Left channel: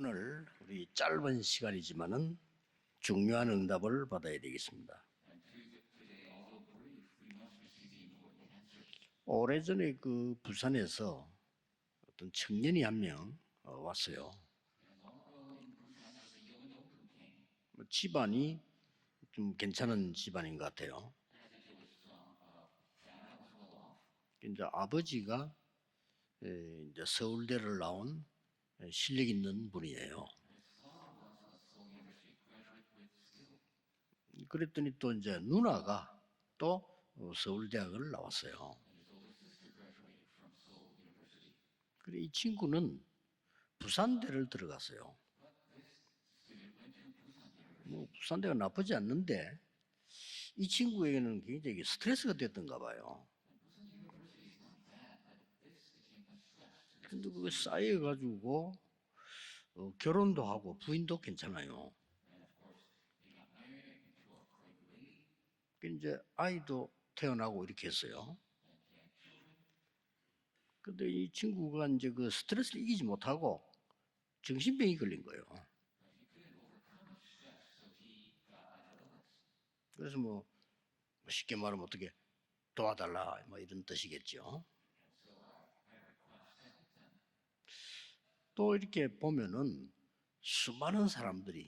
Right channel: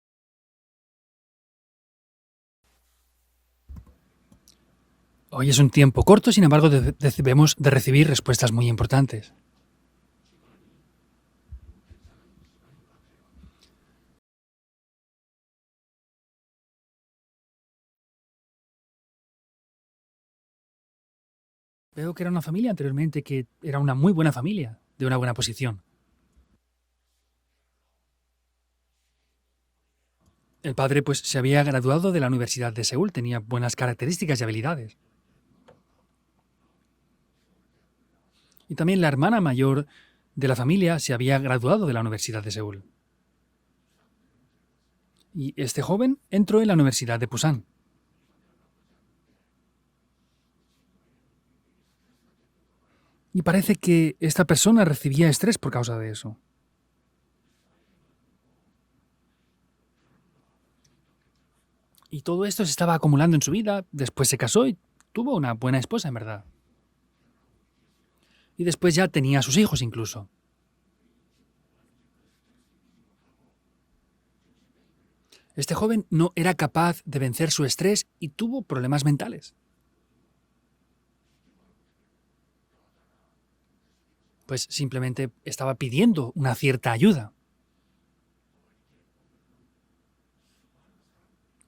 오늘 우리 짧은 시간이지만은 중요한 응답을 받아야 되겠습니다. Hoy es un tiempo corto, sin embargo, debemos de recibir respuestas muy importantes. 오래전에 그 부산에서 어떤 청년이 한 명 왔어요. 집안이 좀 괜찮은 집안인 것 같아요. Veo que era una familia anteriormente, que era una muy buena familia, de una buena posición. 이제 서울대를 나온 실력 있는 분이에요. El padre pues se había graduado de la Universidad de Seúl, tenía buenas características y habilidades. 또 이제 누나가 또 서울대학을 나왔어요. Y también la hermana mayor de la familia se había graduado de la Universidad de Seúl. 친구는 부산대를 들어갔어요. Y este joven entró en la Universidad de Pusan. 부산대가 나쁘지 않는데 이 친구에게는 굉장히 스트레스가 됐던가 봐요. Y parece que esta persona recibía estrés por causa de eso. 근데 그게 쌓여가지고 결혼도 하고 부인도 괜찮아요. Y todo esto se estaba acumulando en su vida, después se casó y tuvo una buena esposa, en verdad. 아이도 태어나고 이렇게 했어요. Y después ya tenía a sus hijos incluso. 근데 이 친구가 이제 그 스트레스를 이기지 못하고 정신병이 걸린 거예요. Este joven no era capaz de vencer su estrés y tuvo problemas mentales. 그래서 뭐 쉽게 말하면 어떻게 도와달라 뭐 이런 뜻이겠죠. Pues simplemente estaba pidiendo una cierta ayuda. 또 이렇게 보면은 수많은 사람들이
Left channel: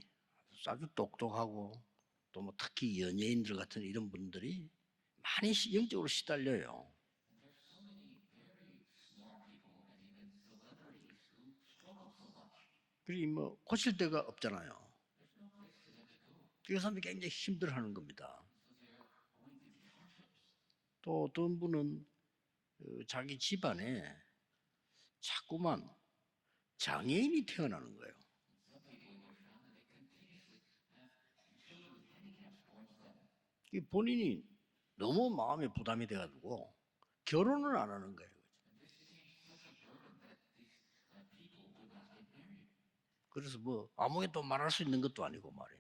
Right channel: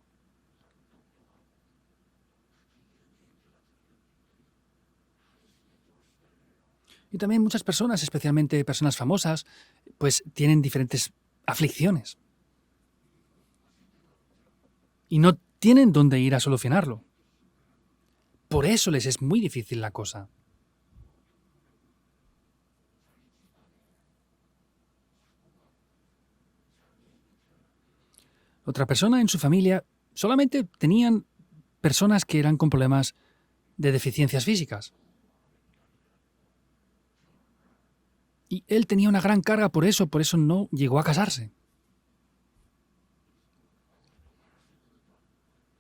아주 똑똑하고 또 뭐 특히 연예인들 같은 이런 분들이 많이 영적으로 시달려요. Y también muchas personas, especialmente personas famosas, pues tienen diferentes aflicciones 그리고 뭐 고칠 데가 없잖아요. y no tienen dónde ir a 그 solucionarlo. 사람이 굉장히 힘들어하는 겁니다. Por eso les es muy difícil la cosa. 또 어떤 분은 자기 집안에 자꾸만 장애인이 태어나는 거예요. Otra persona en su familia solamente tenían personas que eran con problemas de deficiencias físicas. 너무 마음에 부담이 돼가지고 결혼을 안 하는 거예요. Y él tenía una gran carga por eso no llegó a casarse. 그래서 뭐 아무것도 말할 수 있는 것도 아니고 말이에요.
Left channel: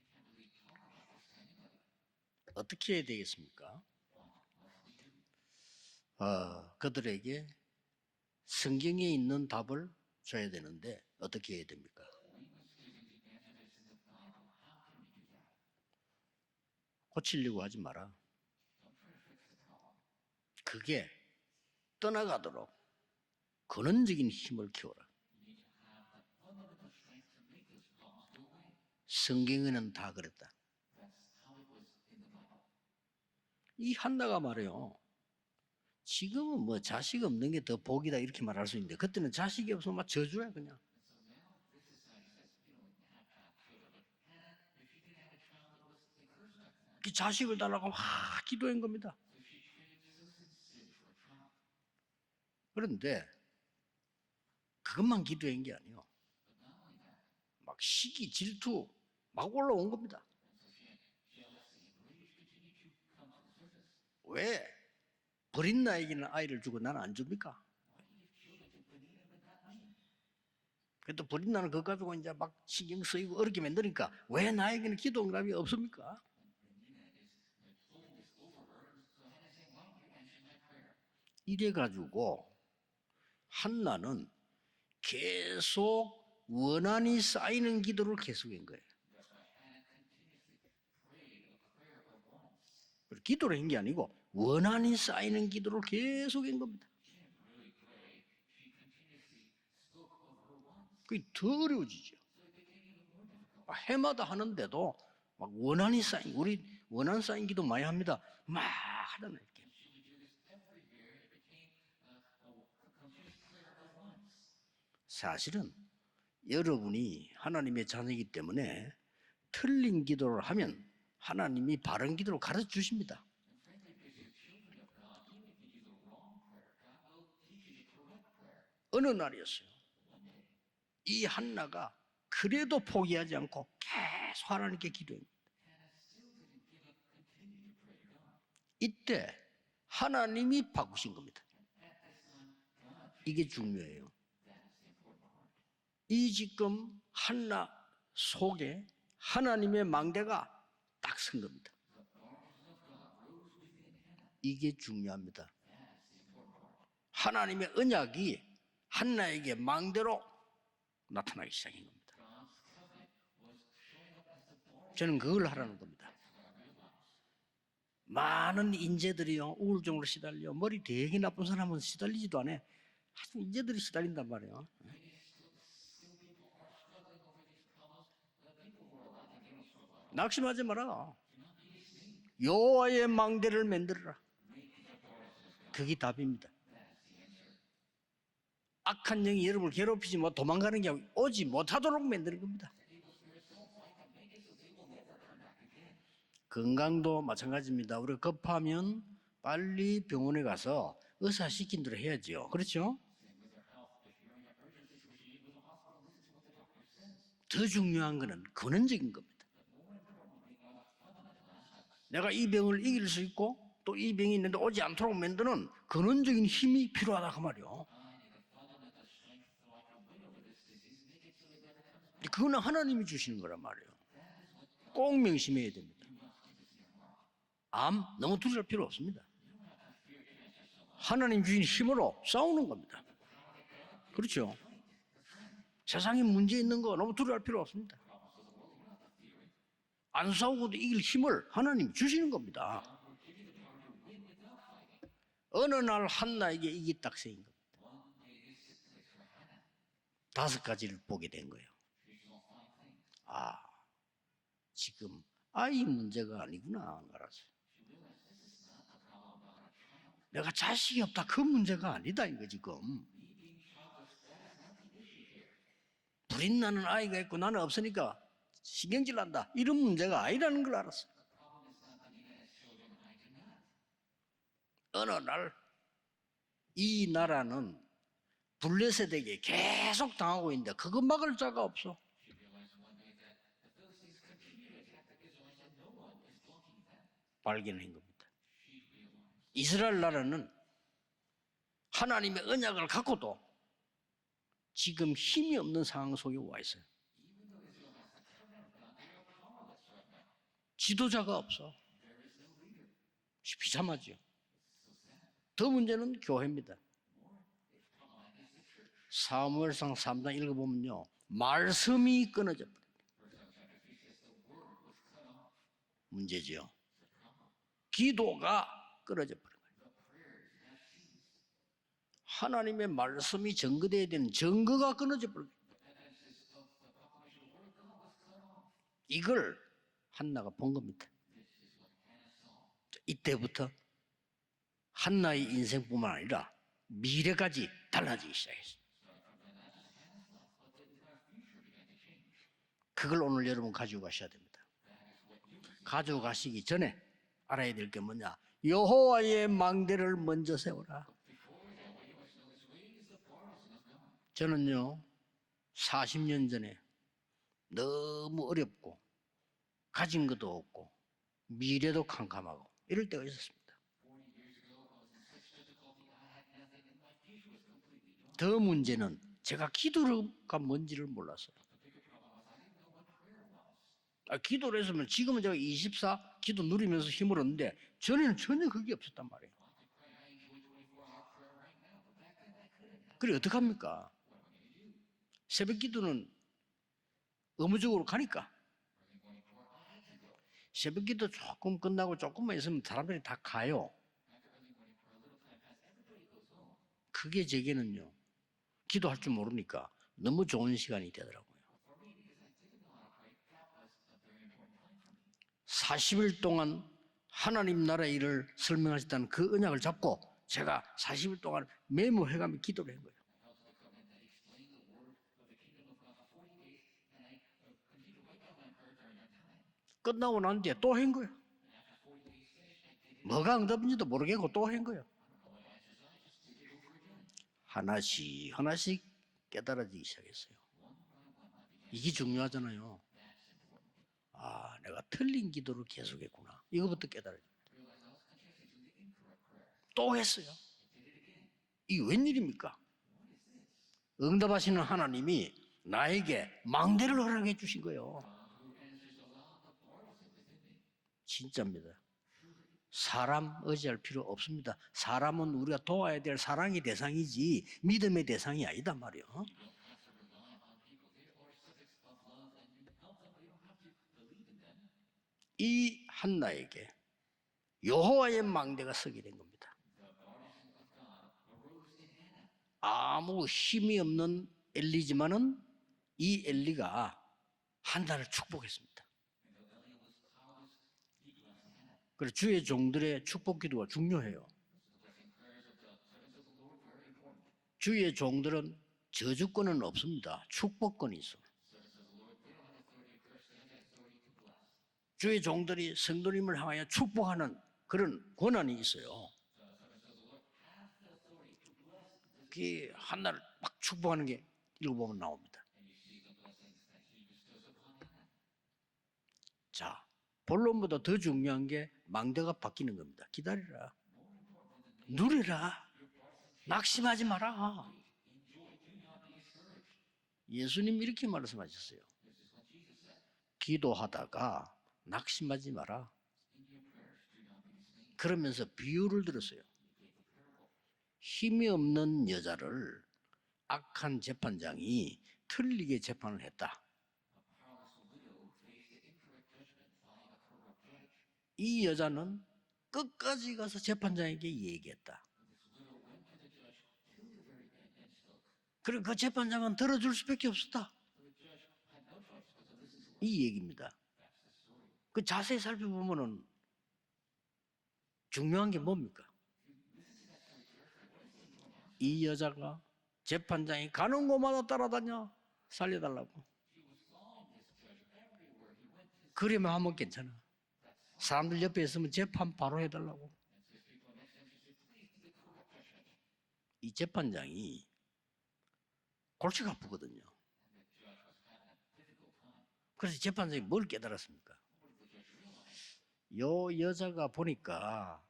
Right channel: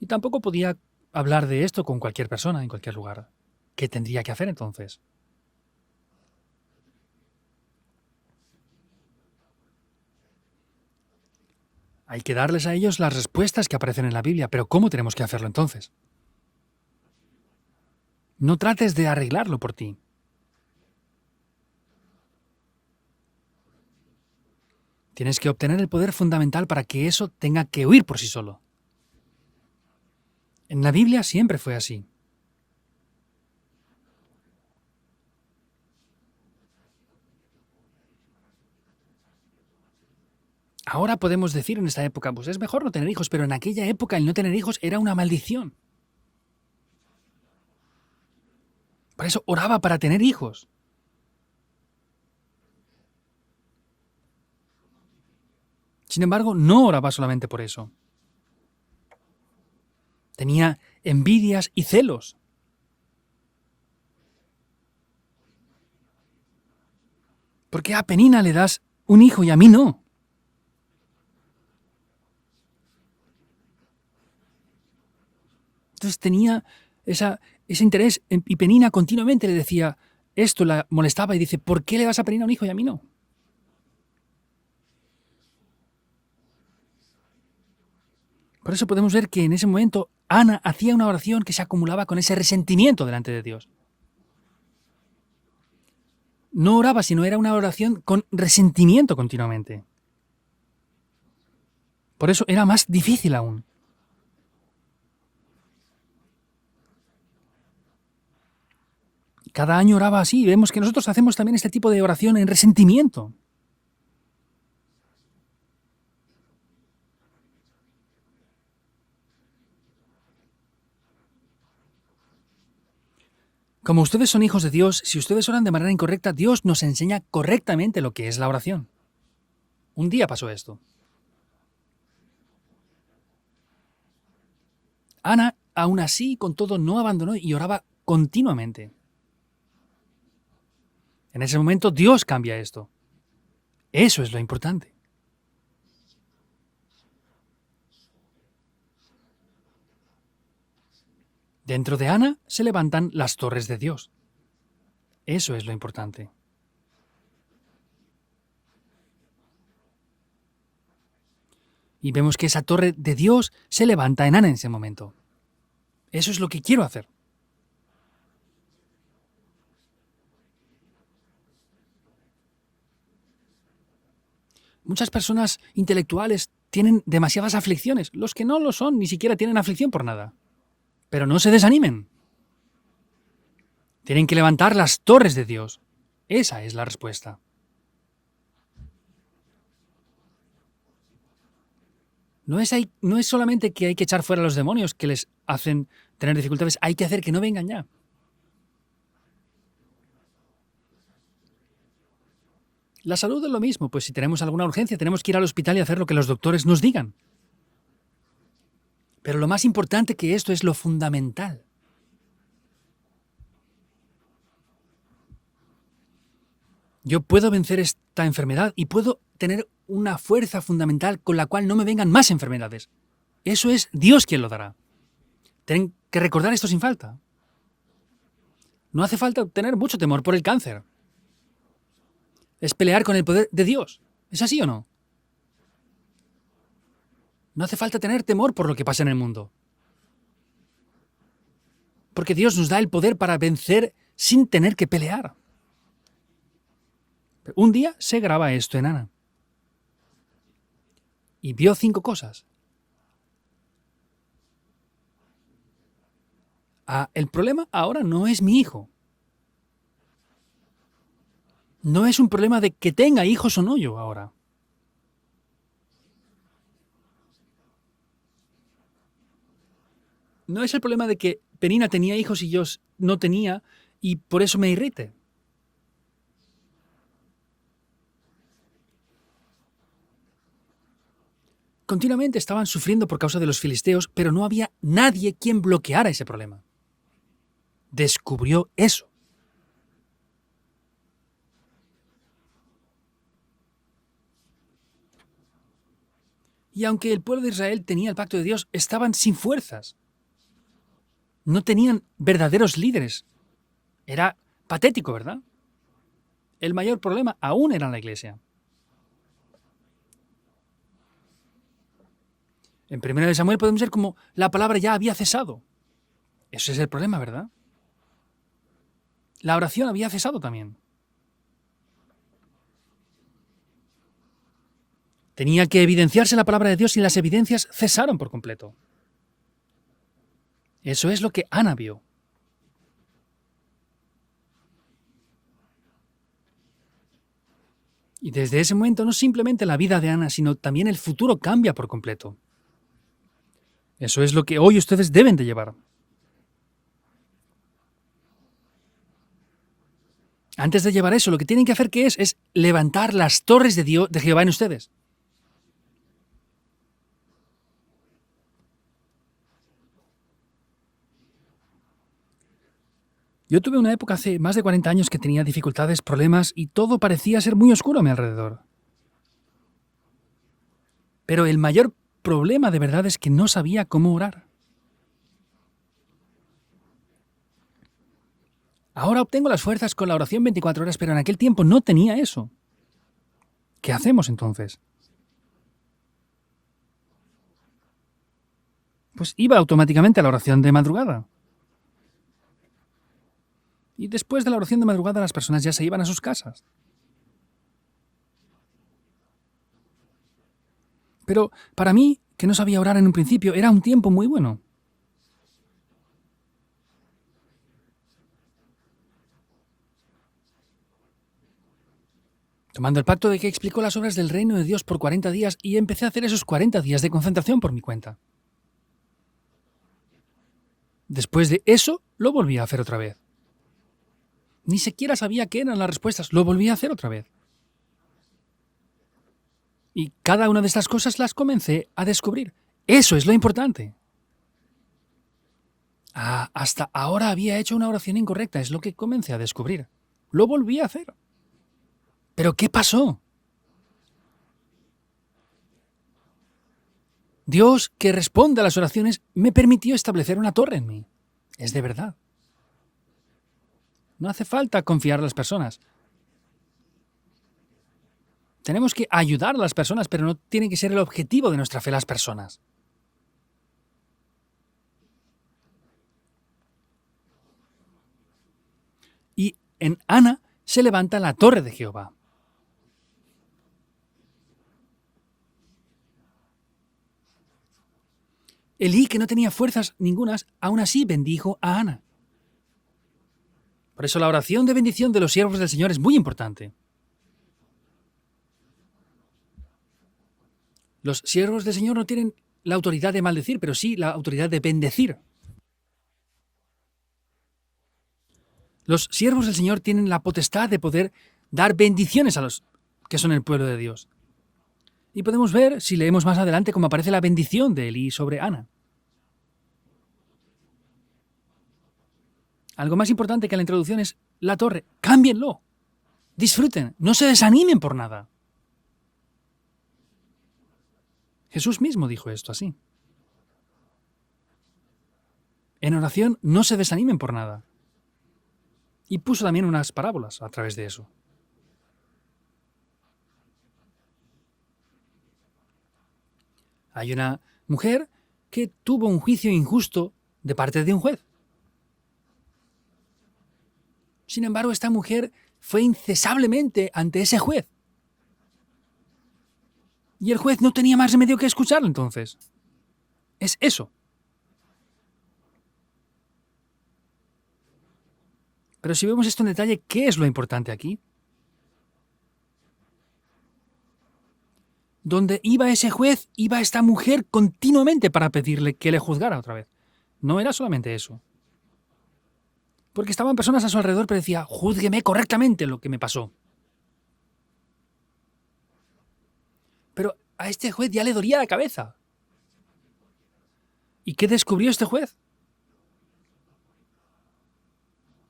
Y tampoco podía hablar de esto con cualquier persona en cualquier 어떻게 해야 lugar. 되겠습니까? ¿Qué tendría que hacer entonces? 그들에게 성경에 있는 답을 줘야 되는데 어떻게 해야 됩니까? Hay que darles a ellos las respuestas que aparecen en la Biblia, pero ¿cómo tenemos que hacerlo entonces? 고치려고 하지 마라. No trates de arreglarlo por ti. 그게 떠나가도록 근원적인 힘을 키워라. Tienes que obtener el poder fundamental para que eso tenga que huir por sí solo. 성경에는 다 그랬다. En la Biblia siempre fue así. 이 한나가 말이요. 지금은 뭐 자식 없는 게 더 복이다 이렇게 말할 수 있는데 그때는 자식이 없으면 막 저주야 그냥. Ahora podemos decir en esta época, pues es mejor no tener hijos, pero en aquella época el no tener hijos era una maldición. 그 자식을 달라고 막 기도한 겁니다. Por eso oraba para tener hijos. 그런데 그것만 기도한 게 아니에요. Sin embargo, no oraba solamente por eso. 시기, 질투 막 올라온 겁니다. Tenía envidias y celos. 왜 버린 나에게는 아이를 주고 나는 안 줍니까? ¿Por qué a Penina le das un hijo y a mí no? 그래도 버린 나는 그거 가지고 이제 막 신경 쓰이고 어렵게 만드니까 왜 나에게는 기도 응답이 없습니까? Entonces tenía ese interés y Penina continuamente le decía, esto la molestaba y dice, ¿por qué le vas a Penina un hijo y a mí no? 한나는 계속 원한이 쌓이는 기도를 계속해요. Por eso podemos ver que en ese momento Ana hacía una oración que se acumulaba con ese resentimiento delante de Dios. 기도한 게 아니고 원한이 쌓이는 기도를 계속 했는데 No oraba, sino era una oración con resentimiento continuamente. 그게 더 어려워지죠. Por eso era más difícil aún. 해마다 하는데도 막 원한이 쌓인 우리 원한 쌓인 기도 많이 합니다. 막 하는 Cada año oraba así. Vemos que nosotros hacemos también este tipo de oración en resentimiento. 사실은 여러분이 하나님의 자녀이기 때문에 틀린 기도를 하면 하나님이 바른 기도를 가르쳐 주십니다. Como ustedes son hijos de Dios, si ustedes oran de manera incorrecta, Dios nos enseña correctamente lo que es la oración. 어느 날이었어요. Un día pasó esto. 이 한나가 그래도 포기하지 않고 계속 하나님께 기도해요. Ana, aún así, con todo, no abandonó y oraba continuamente. 이때 하나님이 바꾸신 겁니다. En ese momento, Dios cambia esto. 이게 중요해요. Eso es lo importante. 이 지금 한나 속에 하나님의 망대가 딱 선 겁니다. Dentro de Ana se levantan las torres de Dios. 이게 중요합니다. Eso es lo importante. 하나님의 언약이 한나에게 망대로 나타나기 시작합니다. Y vemos que esa torre de Dios se levanta en Ana en ese momento. 저는 그걸 하라는 겁니다. Eso es lo que quiero hacer. 많은 인재들이요 우울증으로 시달려 머리 되게 나쁜 사람은 시달리지도 않아. 하여튼 인재들이 시달린단 말이에요. Muchas personas intelectuales tienen demasiadas aflicciones. Los que no lo son ni siquiera tienen aflicción por nada. 낙심하지 마라. Pero no se desanimen. 여호와의 망대를 만들라. Tienen que levantar las torres de Dios. 그게 답입니다. Esa es la respuesta. 악한 영이 여러분을 괴롭히지 못 도망가는 게 오지 못하도록 만드는 겁니다. No es solamente que hay que echar fuera a los demonios que les hacen tener dificultades, hay que hacer que no vengan ya. 우리가 급하면 빨리 병원에 가서 의사 시킨 대로 해야죠. 그렇죠? La salud es lo mismo, pues si tenemos alguna urgencia tenemos que ir al hospital y hacer lo que los doctores nos digan. 더 중요한 거는 근원적인 겁니다. Pero lo más importante que esto es lo fundamental. 내가 이 병을 이길 수 있고 또 이 병이 있는데 오지 않도록 만드는 근원적인 힘이 Yo 필요하다. puedo vencer esta enfermedad y puedo tener una fuerza fundamental con la cual no me vengan más 그건 enfermedades. 하나님이 주시는 거예요. Eso es Dios quien lo dará. 꼭 명심해야 돼요. Tienen que recordar esto sin falta. 암 너무 두려울 필요 없어. No hace falta tener mucho temor por el cáncer. 하나님 주신 힘으로 싸우는 Es 거. pelear con el poder de Dios. 그렇죠. ¿Es así o no? 세상에 문제 있는 거 너무 두려울 필요 No 없어. hace falta tener temor por lo que pasa en el mundo. 안 싸우고도 이길 힘을 하나님 주시는 Porque Dios nos da el poder para vencer sin tener que pelear. 어느 날 한나에게 이게 딱 생긴 Pero un día se graba esto en Ana 5가지를 보게 돼. y vio 5 cosas. 아, 지금 아이 문제가 아니구나. Ah, el problema ahora no es mi hijo. 내가 자식이 없다 그 문제가 No es un 아니다, problema de 이거죠. que tenga hijos o no yo ahora. 불인 나는 아이가 있고 나는 없으니까 신경질 난다. 이런 문제가 아니라는 No 걸 es el 알았어. problema de que Penina tenía hijos y yo no tenía y por eso me irrita. 어느 날 이 나라는 블레셋에게 계속 당하고 있는데 그거 막을 자가 없어. Continuamente estaban sufriendo por causa de los filisteos, pero no había nadie quien bloqueara ese problema. 발견한 거. Descubrió eso. 이스라엘 나라는 하나님의 언약을 갖고도 지금 힘이 없는 상황 속에 와 있어. Y aunque el pueblo de Israel tenía el pacto de Dios, estaban sin fuerzas. 지도자가 없어. No tenían verdaderos líderes. 비참하지. Era patético, ¿verdad? 더 문제는 교회입니다. El mayor problema aún era la iglesia. 사무엘상 3장 읽어보면요. 말씀이 끊어져. En 1 Samuel podemos ver como la palabra ya había cesado. 문제지. Ese es el problema, ¿verdad? 기도가 끊어져. La oración había cesado también. 하나님의 말씀이 증거돼야 되는 증거가 끊어져. Tenía que evidenciarse la palabra de Dios y las evidencias cesaron por completo. 이걸 한나가 본 겁니다. Eso es lo que Ana vio. 이때부터 한나의 인생뿐만 아니라 미래까지 Y 달라지기. desde ese momento no simplemente la vida de Ana, sino también el futuro cambia por completo. 그걸 오늘 여러분 가지고 Eso es lo que hoy ustedes deben de llevar. 가져가시기 전에 알아야 될 게 뭐냐? 여호와의 망대를 먼저 Antes de llevar eso, lo que tienen que hacer es levantar las torres de Dios, de Jehová en ustedes. 40년 전에 너무 어렵고 가진 것도 없고 미래도 캄캄하고 이럴 때가 있었어요. Yo tuve una época hace más de 40 años que tenía dificultades, problemas y todo parecía ser muy oscuro a mi 그 alrededor. 문제는 제가 기도가 뭔지를 몰라요. Pero el mayor problema de verdad es que no sabía cómo orar. 기도를 했으면 지금은 제가 24 기도 누리면서 힘을 얻는데 전에는 전혀 그게 없어요. Ahora obtengo las fuerzas con la oración 24 horas, pero en aquel tiempo no tenía eso. 그래 어떻게 ¿Qué 합니까? hacemos entonces? 새벽 기도는 의무적으로 가니까. Pues iba automáticamente a la oración de madrugada. 기도 조금 끝나고 조금만 있으면 사람들이 다 가요. Y después de la oración de madrugada las personas ya se iban a sus casas. 그게 제게는요. 기도할 줄 모르니까 너무 좋은 시간이 돼요. Pero para mí, que no sabía orar en un principio, era un tiempo muy bueno. 40일 동안 하나님 나라의 일을 설명하셨다는 그 언약을 잡고 제가 40일 동안 메모해가며 기도. Tomando el pacto de que explicó las obras del reino de Dios por 40 días y empecé a hacer esos 40 días de concentración por mi cuenta. 끝나고 난 뒤에 또 한 거. Después de eso, lo volví a hacer otra vez. 뭐가 응답인지도 모르겠고 또 한 Ni 거예요. siquiera sabía qué eran las respuestas, lo volví a hacer otra vez. 하나씩 하나씩 깨달아지기 Y 시작해요. cada una de estas cosas las comencé a 이게 descubrir. 중요하잖아요. Eso es lo importante. 아, 내가 틀린 기도를 계속. Ah, hasta 이거부터 ahora había hecho una oración incorrecta, es lo que comencé a descubrir. 또 했어. Lo volví a hacer. 이 웬일이야? ¿Pero qué pasó? 응답하시는 하나님이 나에게 망대를 허락해 Dios, 주시고요. que responde a las oraciones, me permitió establecer una torre en mí. 진짜 Es de verdad. 사람 의지할 필요 No hace 없습니다. falta confiar en las 사람은 personas. 우리가 도와야 될 사랑의 대상이지 믿음의 대상이 Tenemos 아니란 que 말이에요. ayudar a las personas, pero no tiene que ser el objetivo de nuestra fe las personas. 이 한나에게 여호와의 망대가 서게 됩니다. Y en Ana se levanta la torre de Jehová. 아무 힘이 없는 엘리지만은 이 엘리가 한나를 축복했습니다. Elí, que no tenía fuerzas ningunas, aún así bendijo a Ana. 그래서 주의 종들의 축복 기도가 Por eso la 중요해요. oración de bendición de los siervos del Señor es muy importante. 주의 종들은 저주권은 없습니다. 축복권. Los siervos del Señor no tienen la autoridad de maldecir, pero sí la autoridad de bendecir. 주의 종들이 성도님을 향하여 축복하는 그런 권한이 있어요. Los siervos del Señor tienen la potestad de poder dar bendiciones a los 이 que son el 하나님 pueblo de Dios. 축복하는 게 읽어보면 Y 나와요. podemos ver, si leemos más adelante, cómo aparece la bendición de Elí sobre Ana. 자, 본론보다 더 중요한 게 망대가 Algo más importante que la introducción es la torre. 바뀌는 Cámbienlo, disfruten, no se desanimen por nada. 예수님 이렇게 말했어요. Jesús mismo dijo esto así. 기도하다가 낙심하지 En 마라. oración, no se desanimen por nada. 그러면서 Y 비유를 puso también unas parábolas a través de eso. 힘이 없는 여자를 악한 재판장이 틀리게 재판을 했다. Hay una mujer que tuvo un juicio injusto de parte de un juez. 이 여자는 끝까지 가서 재판장에게 Sin embargo, esta mujer fue incesablemente ante ese juez. 그럼 그 재판장은 들어줄 수 Y el juez no tenía más remedio que escucharlo entonces. Es eso. 그 자세히 살펴보면은 중요한 게 Pero si 뭐냐? vemos esto en detalle, ¿qué es lo importante aquí? 이 여자가 재판장이 가는 곳마다 따라다녀. Donde iba ese juez, iba esta mujer continuamente para pedirle que le juzgara otra vez. 그러면 하면 괜찮아. No era solamente eso. 사람들 옆에 있으면 재판 바로 해도 Porque estaban personas a su alrededor, pero decía, júzgueme correctamente lo que me pasó. 이 재판장이 골치가 아프거든요. Pero a este juez ya le dolía la cabeza. 그래서 재판장이 뭘 ¿Y 깨달았어요? qué descubrió este juez? 요 여자가 보니까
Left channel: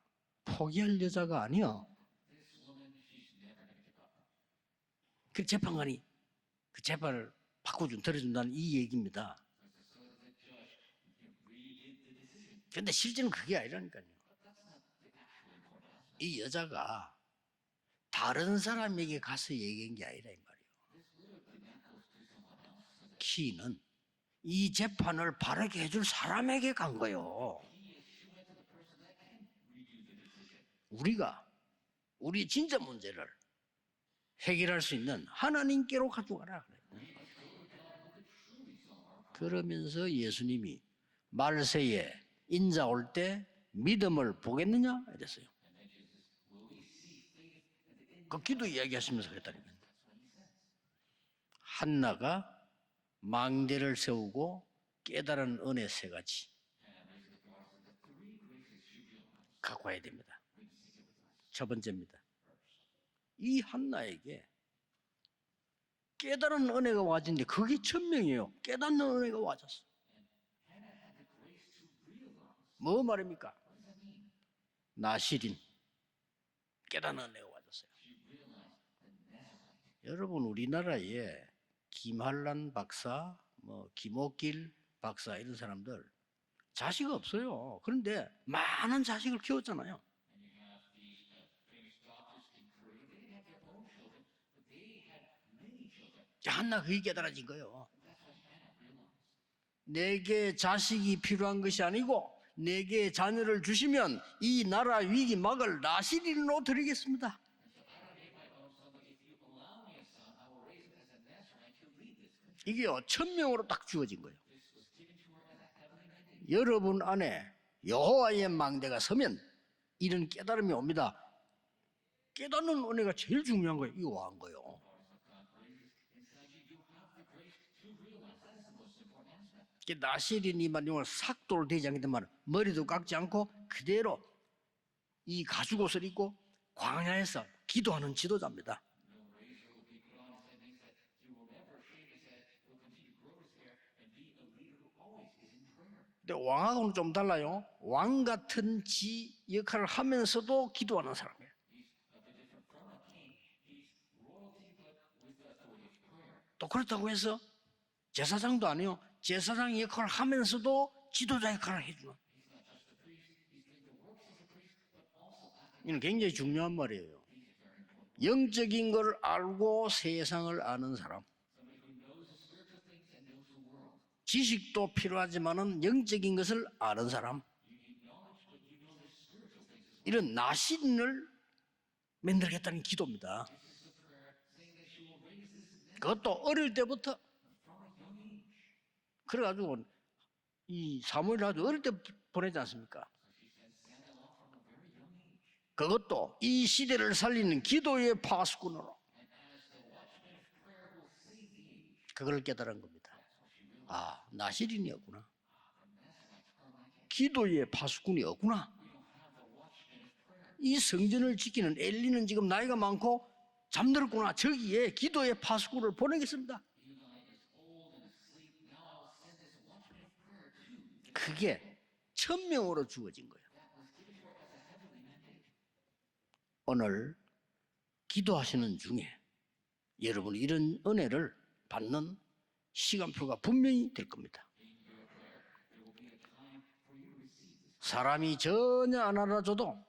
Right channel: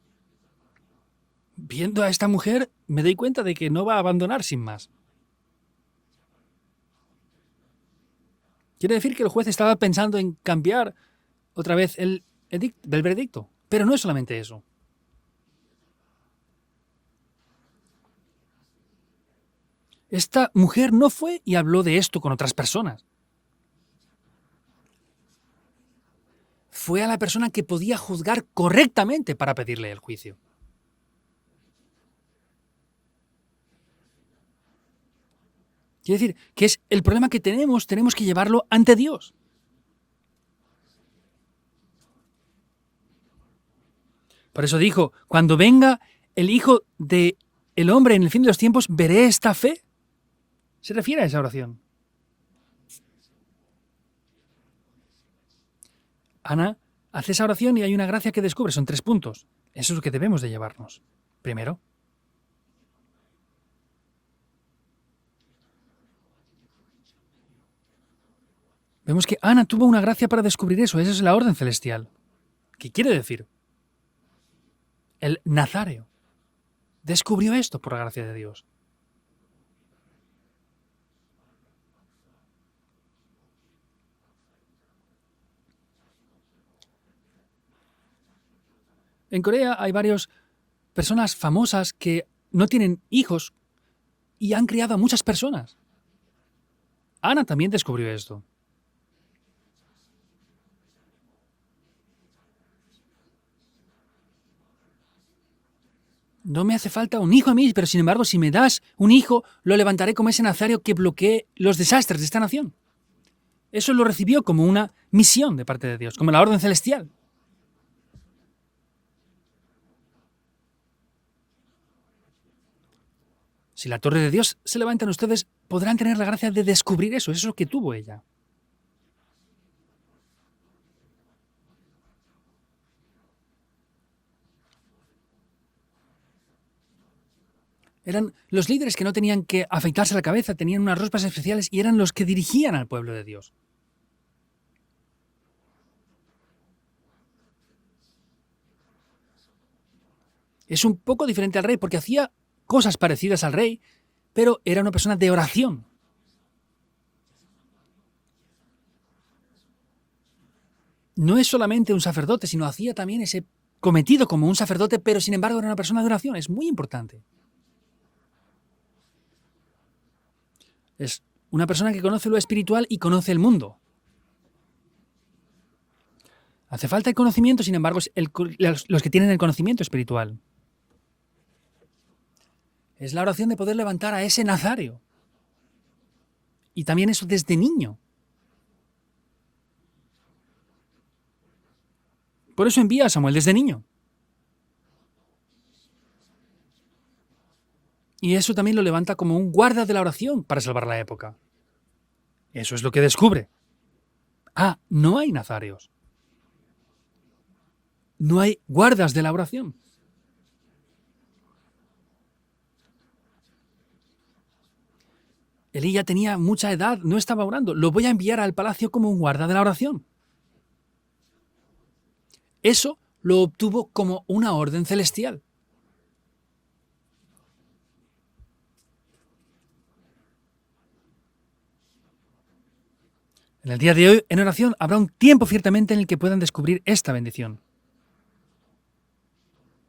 포기할 여자가 아니야. Viendo a esta mujer, me doy cuenta de que no va a abandonar sin más. 그 재판관이 그 재판을 바꿔준 들어준다는 이 Quiere decir que el juez estaba pensando en cambiar otra vez el veredicto. Pero no es solamente eso. 이 여자가 다른 사람에게 가서 얘기한 게 아니라 Esta mujer no fue y habló de esto con otras personas. 키는 이 재판을 바르게 해줄 사람에게 간 Fue a la 거예요. persona que podía juzgar correctamente para pedirle el juicio. 우리가 우리 진짜 문제를 해결할 수 있는 하나님께로 Quiere decir 가고 가라. que es el problema que tenemos que llevarlo ante Dios. 그러면서 예수님이 말세에 인자 올 때 믿음을 Por eso 보이는 dijo, 자가 cuando venga el Hijo del Hombre en el fin de los tiempos, ¿veré esta fe? Se refiere a esa oración. 한나가 망대를 세우고 깨달은 은혜 세 가지. Ana hace esa oración y hay una gracia que descubre. Son 3 puntos. Eso es lo que debemos de llevarnos. 첫 Primero, 번째입니다. 이 한나에게 깨달은 은혜가 와진데 그게 천명이에요. 깨닫는 vemos que 은혜가 Ana tuvo una gracia para descubrir eso. Esa es la orden celestial. ¿Qué quiere decir? El 나실이 Nazareo 깨달은 descubrió esto por la gracia de Dios. 여러분 우리나라에 김한란 박사, 뭐 김옥길 박사 이런 사람들 자식 없어요. 그런데 많은 자식을 En Corea 키웠잖아요. hay varias personas famosas que no tienen hijos y han criado a muchas personas. 한나 그게 깨달았어요. Ana también descubrió esto. 내게 자식이 필요한 것이 아니고 내게 자녀를 주시면 이 나라 위기 막을 나시리로 No me hace falta un hijo a mí, pero sin embargo, si me das un hijo, lo levantaré como ese nazario que bloquee los desastres de esta nación. 이게요 천명으로 딱 Eso lo recibió como una misión de parte de Dios, como la orden 여러분 celestial. 안에 여호와의 망대가 서면 이런 깨달음이 옵니다. 깨닫는 은혜가 제일 중요한 Si 거예요. la torre de Dios se levanta en ustedes, podrán tener la gracia de descubrir eso. Eso es lo que tuvo ella. 나시린이만 용을 삭도를 되지 않기 때문에 머리도 깎지 않고 그대로 이 가죽옷을 입고 광야에서 기도하는 Eran 지도자. los líderes que no tenían que afeitarse la cabeza, tenían unas ropas especiales y eran los que dirigían al pueblo de Dios. 근데 왕하고는 좀 달라요. 왕 같은 지 역할을 하면서도 Es un 기도하는 poco 사람. diferente al rey porque hacía cosas parecidas al rey, pero era una persona de oración. 또 그렇다고 해서 제사장도 아니요. 제사장 역할을 하면서도 Y no es 지도자의 solamente 역할을 un sacerdote, sino hacía también ese cometido como un sacerdote, pero sin embargo era una persona de 이게 oración. 굉장히 Es muy 중요한 importante. 영적인 걸 알고 세상을 아는 Es 사람. una persona que conoce lo espiritual y conoce el mundo. 지식도 필요하지만은 영적인 것을 Hace 아는 falta el 사람. conocimiento, sin embargo, es los que tienen el conocimiento 이런 espiritual. 나신을 만들겠다는 기도. Es la oración de poder levantar a ese nazario. 그것도 어릴 Y también 때부터 eso desde niño. 그래가지고 이 사무엘 아주 어릴 때 보내자. Por eso envía a Samuel desde niño. 그것도 이 시대를 살리는 기도의 Y eso 파수. también lo levanta como un guarda de la oración para salvar la época. 그걸 깨달아. Eso es lo que descubre. 아, Ah, 나신이요. no hay nazarios. 기도의 파수꾼이 No hay 없구나. guardas de la oración. 이 성전을 지키는 엘리는 지금 나이가 많고 잠들었구나. 저기에 기도의 파수꾼을 Elí ya tenía 보내겠습니다. mucha edad, no estaba orando. Lo voy a enviar al palacio como un guarda de la oración. 그게 천명으로 Eso 주어진. lo obtuvo como una orden celestial. 오늘 기도하시는 중에 여러분이 이런 은혜를 받는 시간표가 En el 분명히 día de hoy, en oración, habrá un tiempo ciertamente en el que puedan descubrir esta bendición. 사람이 전혀 안 알아줘도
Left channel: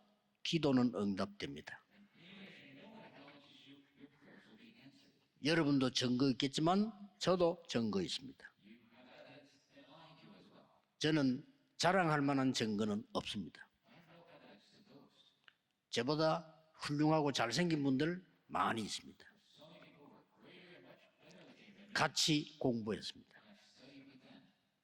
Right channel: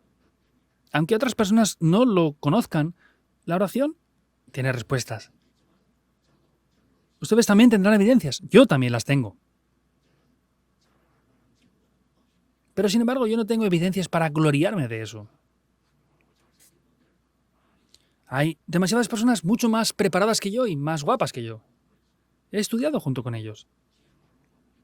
기도는 Aunque otras personas no lo conozcan, la oración tiene respuestas. 여러분도 증거 있겠지만 Ustedes 저도 también tendrán evidencias. Yo también las tengo. 저는 자랑할 만한 증거. Pero sin embargo, yo no tengo evidencias para gloriarme de eso. 저보다 훌륭하고 잘생긴 분들 Hay 많이 demasiadas personas mucho más preparadas que yo y más guapas que yo. 같이 He estudiado 공부했어요. junto con ellos.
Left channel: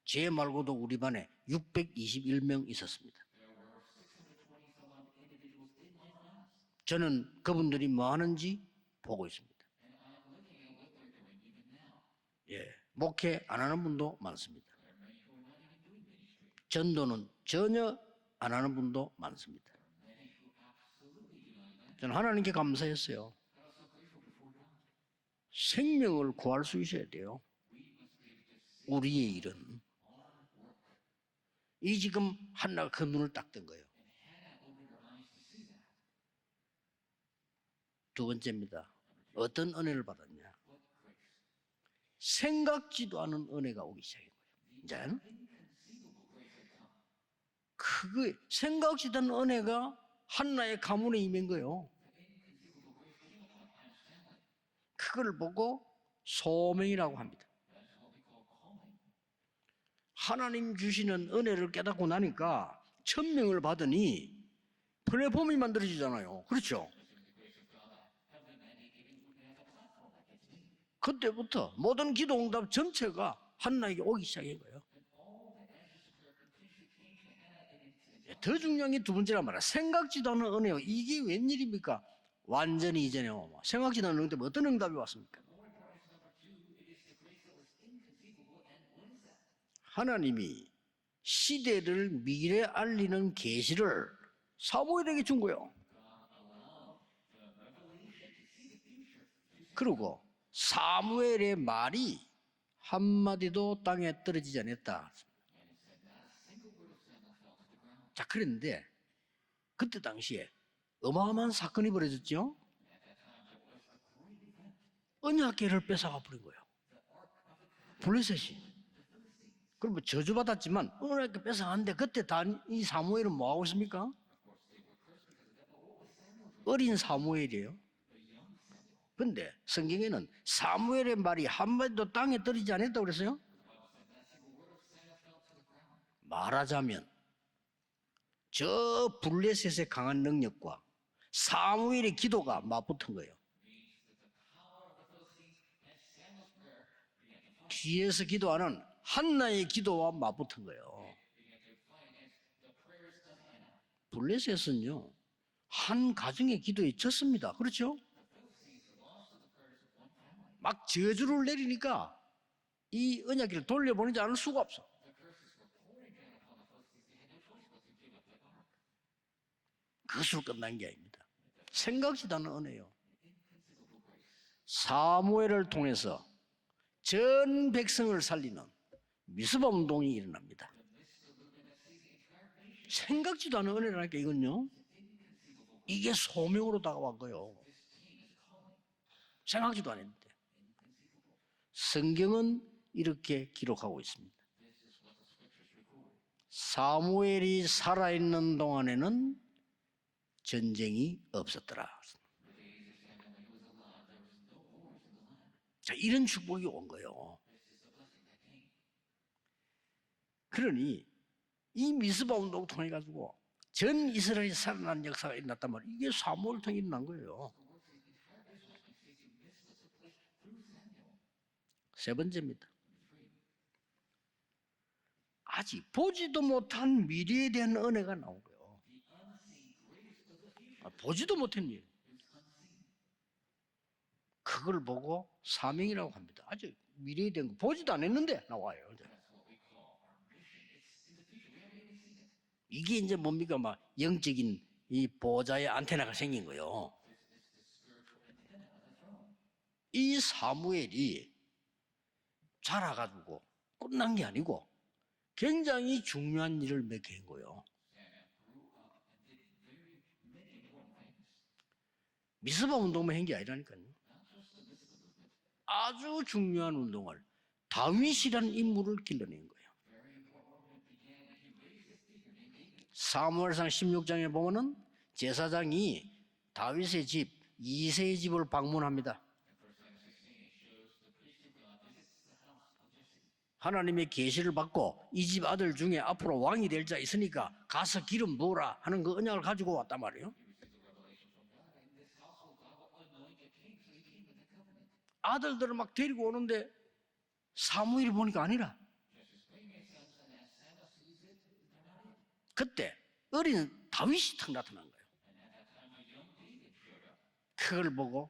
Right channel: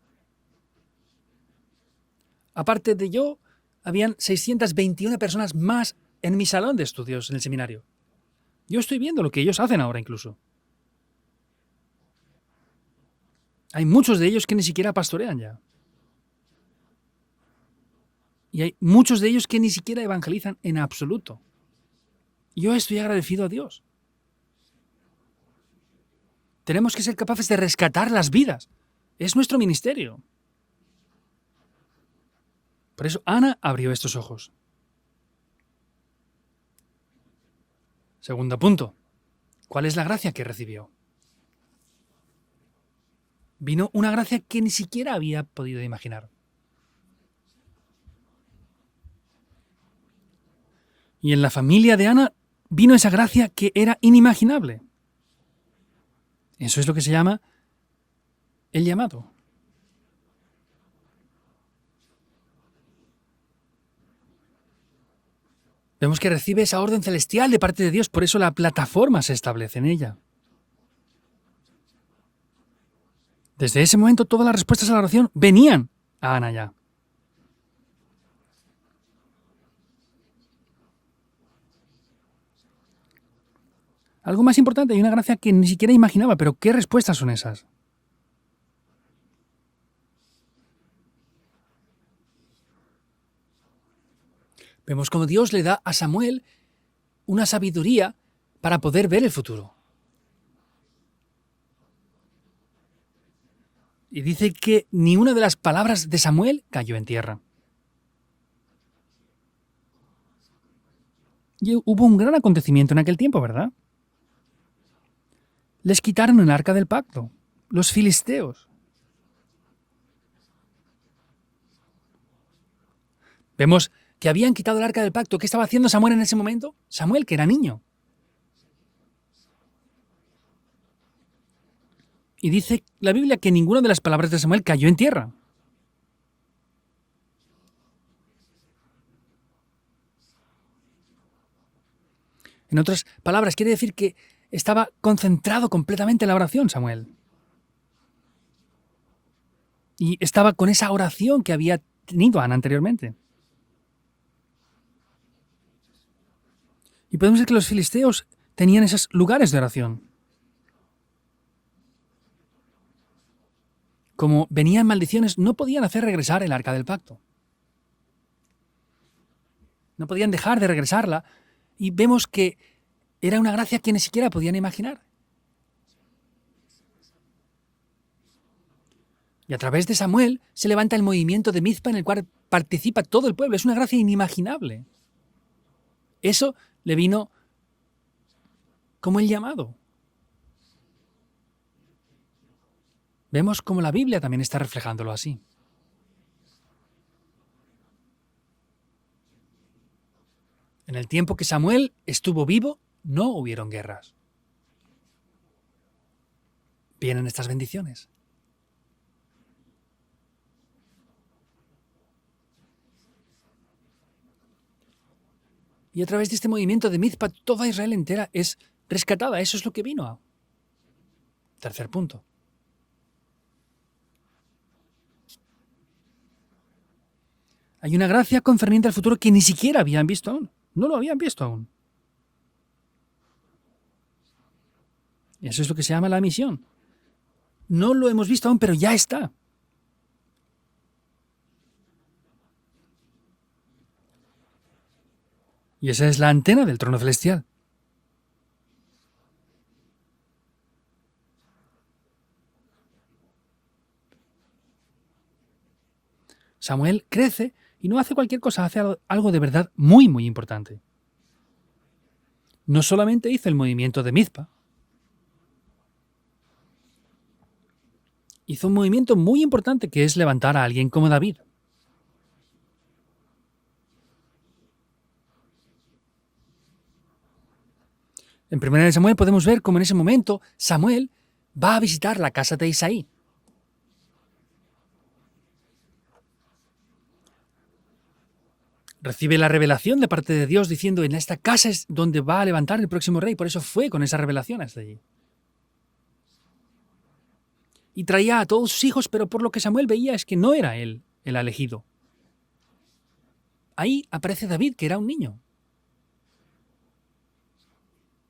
쟤 말고도 우리 반에 621명 Aparte de yo, habían 621 personas más en mi salón de estudios en el seminario. 그분들이 뭐 하는지 Yo estoy viendo lo que ellos hacen ahora incluso. 목회 안 하는 Hay muchos de ellos que ni siquiera pastorean ya. 전도는 전혀 안 Y hay 하는 분들. muchos de ellos que ni siquiera evangelizan en absoluto. 저는 하나님께 Yo estoy 감사해서 agradecido a Dios. 생명을 구할 수 Tenemos que ser capaces de rescatar las vidas. 우리 Es nuestro ministerio. 이 지금 한나 Por eso Ana abrió estos ojos. Segundo punto. 어떤 ¿Cuál es la gracia que recibió? 생각지도 않은 은혜. Vino una gracia que ni siquiera había podido imaginar. 그 생각지도 않은 은혜가 한나의 가문에 Y en la 있는 familia de Ana vino esa gracia que era inimaginable. 그걸 보고 Eso es lo que se 소문이라고 llama el llamado. 하나님 주시는 은혜를 깨닫고 나니까 천명을 받으니 플랫폼이 만들어지잖아요. Vemos que recibe esa orden celestial de parte de Dios, por eso la plataforma se establece en ella. 그때부터 모든 기도 응답 전체가 Desde ese momento todas las respuestas a la oración venían a Ana ya. 더 중요한 게 두 번째란 말이야. 생각지도 않은 은혜요. 이게 웬일입니까? 완전히 이전에요. 생각지도 않은 은혜. Algo más importante, hay una gracia que ni siquiera imaginaba, pero ¿qué respuestas son esas? 하나님이 시대를 미래 알리는 계시를 Vemos como Dios le da a Samuel una sabiduría para poder ver el futuro. 그리고 사무엘의 말이 한마디도 땅에 Y dice 떨어지지 que 않았다. ni una de las palabras de Samuel cayó en tierra. 자, 그런데 그때 당시에 어마어마한 Y 사건이 hubo un gran 벌어졌죠. acontecimiento en aquel tiempo, ¿verdad? 언약궤를 Les 뺏어 quitaron el arca del pacto, los filisteos. 그럼 저주받았지만 언약궤 뺏어갔는데 그때 이 사무엘은 뭐하고 Vemos 있습니까? que habían quitado el arca del pacto. ¿Qué estaba haciendo Samuel en ese momento? Samuel, que era niño. 근데 성경에는 사무엘의 말이 한마디도 땅에 Y 떨어지지 dice 않았다고 la Biblia 그랬어요. que ninguna de las palabras de Samuel cayó en tierra. 말하자면 저 블레셋의 강한 능력과 사무엘의 기도가 En otras 맞붙은 거예요. palabras, quiere decir que estaba concentrado completamente en la oración, Samuel. 뒤에서 기도하는 한나의 기도와 Y estaba con esa oración que había tenido Ana anteriormente. 블레셋은요 한 가정의 기도에 Y podemos ver que los 졌습니다. filisteos tenían esos lugares de oración. 막 저주를 내리니까 이 언약궤를 돌려보내지 않을 Como 수가 venían maldiciones, no podían hacer regresar el arca del pacto. No podían dejar de regresarla. Y vemos que 생각지도 않은 은혜요. era una gracia que ni siquiera podían imaginar. 사무엘을 통해서 전 백성을 살리는 Y a través de Samuel se levanta el movimiento de Mizpa en el cual participa todo el pueblo. Es una gracia inimaginable. 이게 eso 소명으로 le vino 다가와요. Como el llamado. 생각지도 않았는데 성경은 이렇게 Vemos como la 기록하고 Biblia también está reflejándolo así. 있어요. 사무엘이 살아있는 동안에는 전쟁이 En el tiempo que 없었다. Samuel estuvo vivo, no hubieron guerras. 자, 이런 축복이 온 거예요. Vienen estas bendiciones. 그러니 이 미스바 운동을 통해 가지고 전 이스라엘이 살아난 역사가 일어났단 말이에요. Y a través de este movimiento de Mizpa, toda Israel entera es rescatada. Eso es lo que vino. Tercer 세 punto. 번째입니다. 아직 보지도 못한 미래에 대한 Hay una gracia concerniente al futuro que ni siquiera habían visto aún. No lo habían visto aún. 일. 그걸 보고 Y eso es lo que se llama la misión. 아직 미래에 대한 거 보지도 No lo 않았는데 hemos visto aún, pero ya está. 이게 이제 뭡니까? 막 영적인 이 보좌의 Y esa 안테나. es la antena del trono celestial. 이 사무엘이 자라가지고 끝난 게 아니고 굉장히 중요한 Samuel 일을 crece 했어요. y no hace cualquier cosa, hace algo de verdad muy, muy importante. 미스바 No 운동을 solamente 한 게 hizo el movimiento de Mizpa, 아주 중요한 운동을 다윗이라는 hizo un movimiento muy importante que es levantar a alguien como David. 사무엘상 16장에 보면은 제사장이 다윗의 집 이새의 집을 En 1 Samuel podemos ver cómo en ese momento Samuel va a visitar la casa de Isaí. 하나님의 계시를 받고 이 집 아들 중에 앞으로 왕이 될 자 있으니까 가서 기름 부으라 하는 거 Recibe la revelación de parte de Dios diciendo en esta casa es donde va a levantar el próximo rey. Por eso fue con esa revelación hasta allí. 아들들을 막 데리고 오는데 Y 사무엘이 traía a 먼저 todos sus hijos, pero por lo que Samuel veía es que no era él el elegido. 그때 어린 Ahí 다윗이 aparece David, que era un niño. 그걸 보고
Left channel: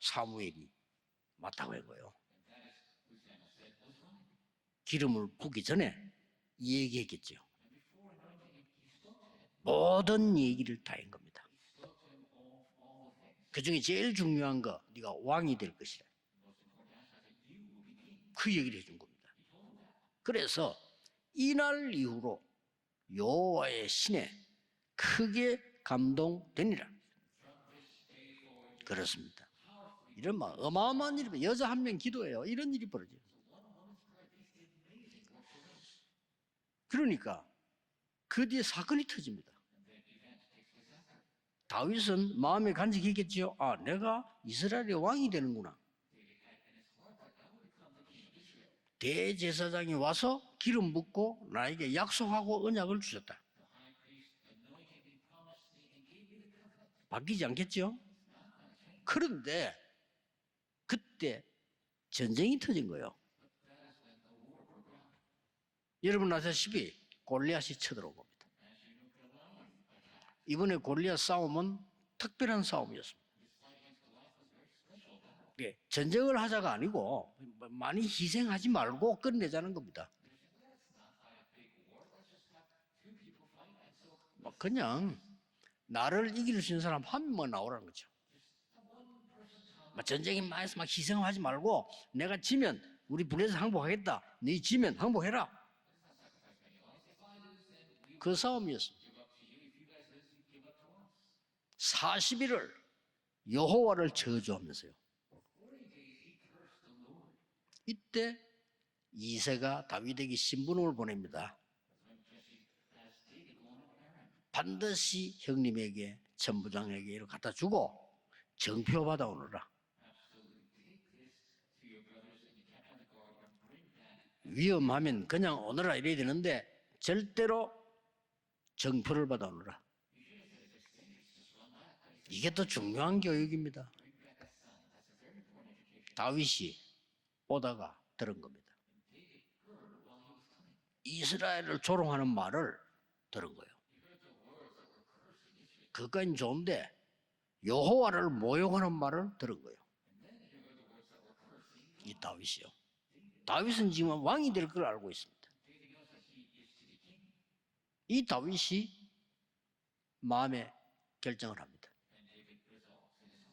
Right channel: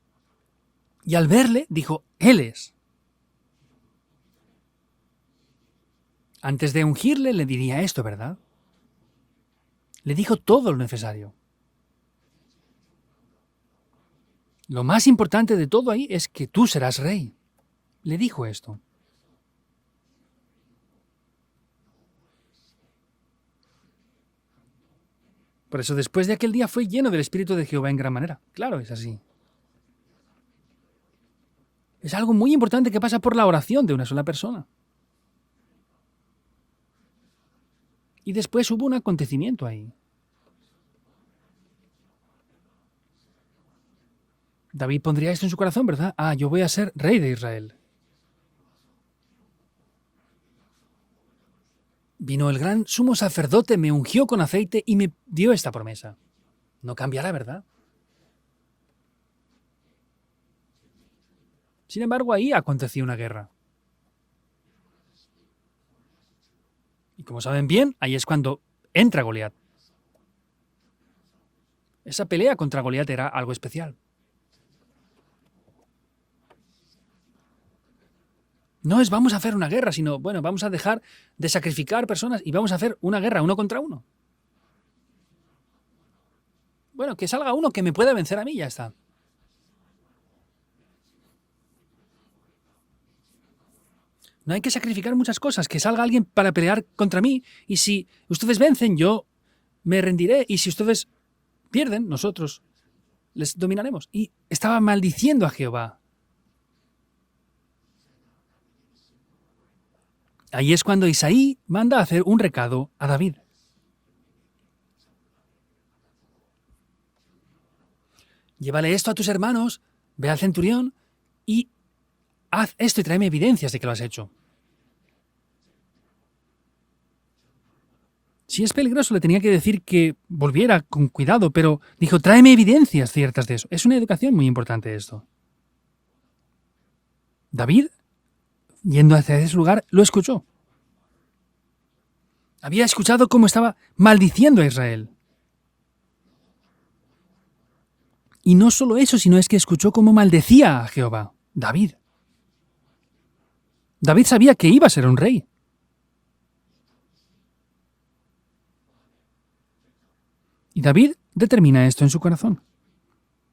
사무엘이 Y al verle, dijo, él es. 기름을 붓기 전에 Antes de ungirle, le diría esto, ¿verdad? Le 모든 dijo 이 todo lo necesario. 그중에 제일 중요한 거 Lo más importante de todo ahí es que tú serás rey. Le dijo 그 esto. 얘기를 해준 겁니다. 그래서 이날 이후로 여호와의 신에 크게 Por eso después de aquel día 감동됩니다. fue lleno del Espíritu de Jehová en gran manera. Claro, es así. 그렇습니다. 이런 막 어마어마한 일이 여자 한 명 Es algo muy importante que pasa por la oración de una sola persona. 그러니까 Y después hubo un acontecimiento ahí. 다윗은 마음에 간직했겠지요. 아, 내가 이스라엘 David pondría esto en su corazón, ¿verdad? Ah, yo voy a ser rey de Israel. 대제사장이 와서 기름 붓고 나에게 약속하고 Vino el gran sumo sacerdote, me ungió con aceite y me dio esta promesa. No cambiará, ¿verdad? 않겠죠? 그런데 그때 Sin embargo, ahí aconteció una guerra. 여러분 아시다시피 Y como saben bien, ahí es cuando entra Goliat. 이번에 골리앗 싸움은 Esa pelea contra Goliat era algo especial. 전쟁을 하자가 아니고 많이 희생하지 말고 No es vamos a hacer una guerra, sino, bueno, vamos a dejar de sacrificar personas y vamos a hacer una guerra uno contra uno. 그냥 나를 이길 수 있는 사람 Bueno, que 한 salga 명만 uno que me pueda vencer a mí y ya está. 전쟁에 많이서 막 희생하지 말고 내가 지면 우리 불에서 항복하겠다. No hay que 지면 sacrificar muchas 항복해라. cosas. Que salga alguien para pelear contra mí y si ustedes vencen, yo me rendiré y si ustedes pierden, nosotros 40일을 les dominaremos. Y 저주하고 estaba maldiciendo a Jehová. 이때 이새가 다윗에게 Ahí es cuando Isaí manda a hacer un recado a David. 반드시 형님에게 천부장에게 이걸 갖다 주고 Llévale esto a tus hermanos, ve al centurión y haz esto y tráeme evidencias de que lo has hecho. 위험하면 그냥 오너라 이래야 되는데 절대로 Si es peligroso, le tenía que decir que volviera con cuidado, pero dijo, tráeme evidencias ciertas de eso. Es una educación muy importante esto. 다윗이 David, 들은 겁니다. yendo hacia ese lugar, lo escuchó. 이스라엘을 조롱하는 말을 Había escuchado cómo estaba maldiciendo a Israel. 그건 좋은데 여호와를 Y no 모욕하는 solo eso, 말을 sino es que escuchó cómo maldecía a Jehová. David. 이 다윗이요. 다윗은 지금 David sabía que 왕 iba a ser un rey. 이 다윗이 마음에 Y David determina esto en su corazón.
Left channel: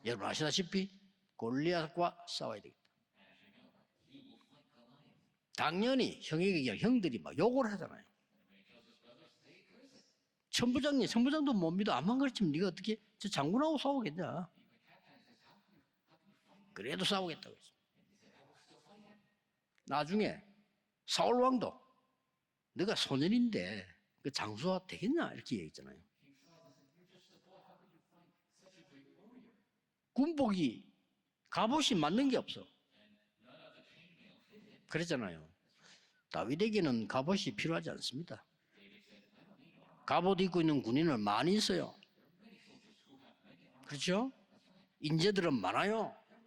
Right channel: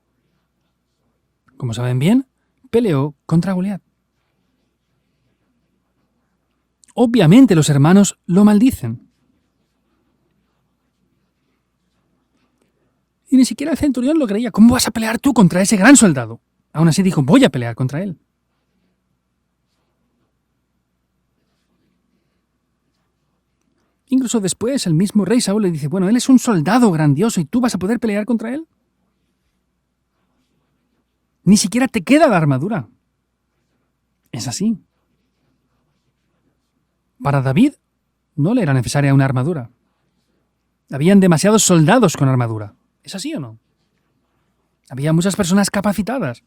여러분 아시다시피 Como saben bien, 골리앗과 싸워야 돼. peleó contra Goliat. 당연히 형에게 형님 Obviamente los hermanos lo maldicen. 천부장도 못 믿어. 안만 가르치면 네가 어떻게? 저 Y ni 장군을 siquiera el 싸우고 centurión lo creía. ¿Cómo vas a pelear tú contra ese gran soldado? Aún así dijo, voy a pelear contra él. 나중에 사울 왕도 네가 소년인데 Incluso después, el mismo rey Saúl le dice, bueno, él es un soldado grandioso y tú vas a poder pelear contra él. 군복이 Ni siquiera te queda la armadura. Es así. 그랬잖아요. 다윗에게는 Para 갑옷이 David 필요하지 않습니다. no le era necesaria una armadura. 갑옷 입고 있는 군인은 Habían demasiados 많이 soldados con armadura. ¿Es así o no? 그렇죠? Había muchas personas capacitadas.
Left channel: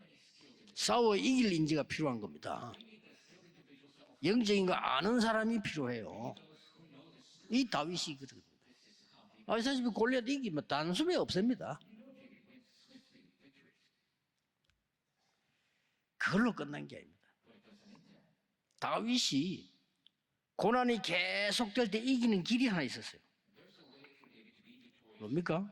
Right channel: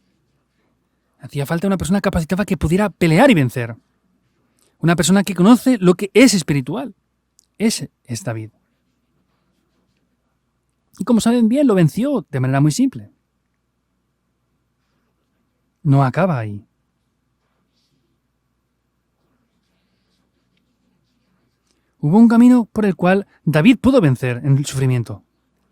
싸워 Hacía 이기는 falta una 자가 persona 필요한 capacitada que 겁니다. pudiera pelear y vencer. 영적인 거 Una 아는 persona que 사람이 conoce lo que 필요해요. es espiritual. 이 Ese 다윗이 es David. 아시다시피 골리앗 이기면 Y 단순히 como saben bien, lo venció de manera muy simple. No acaba ahí. 그걸로 끝난 게 아닙니다. 다윗이 고난이 계속될 때 Hubo un 이기는 camino 길이 por 하나 el cual David pudo vencer en el sufrimiento. 뭡니까?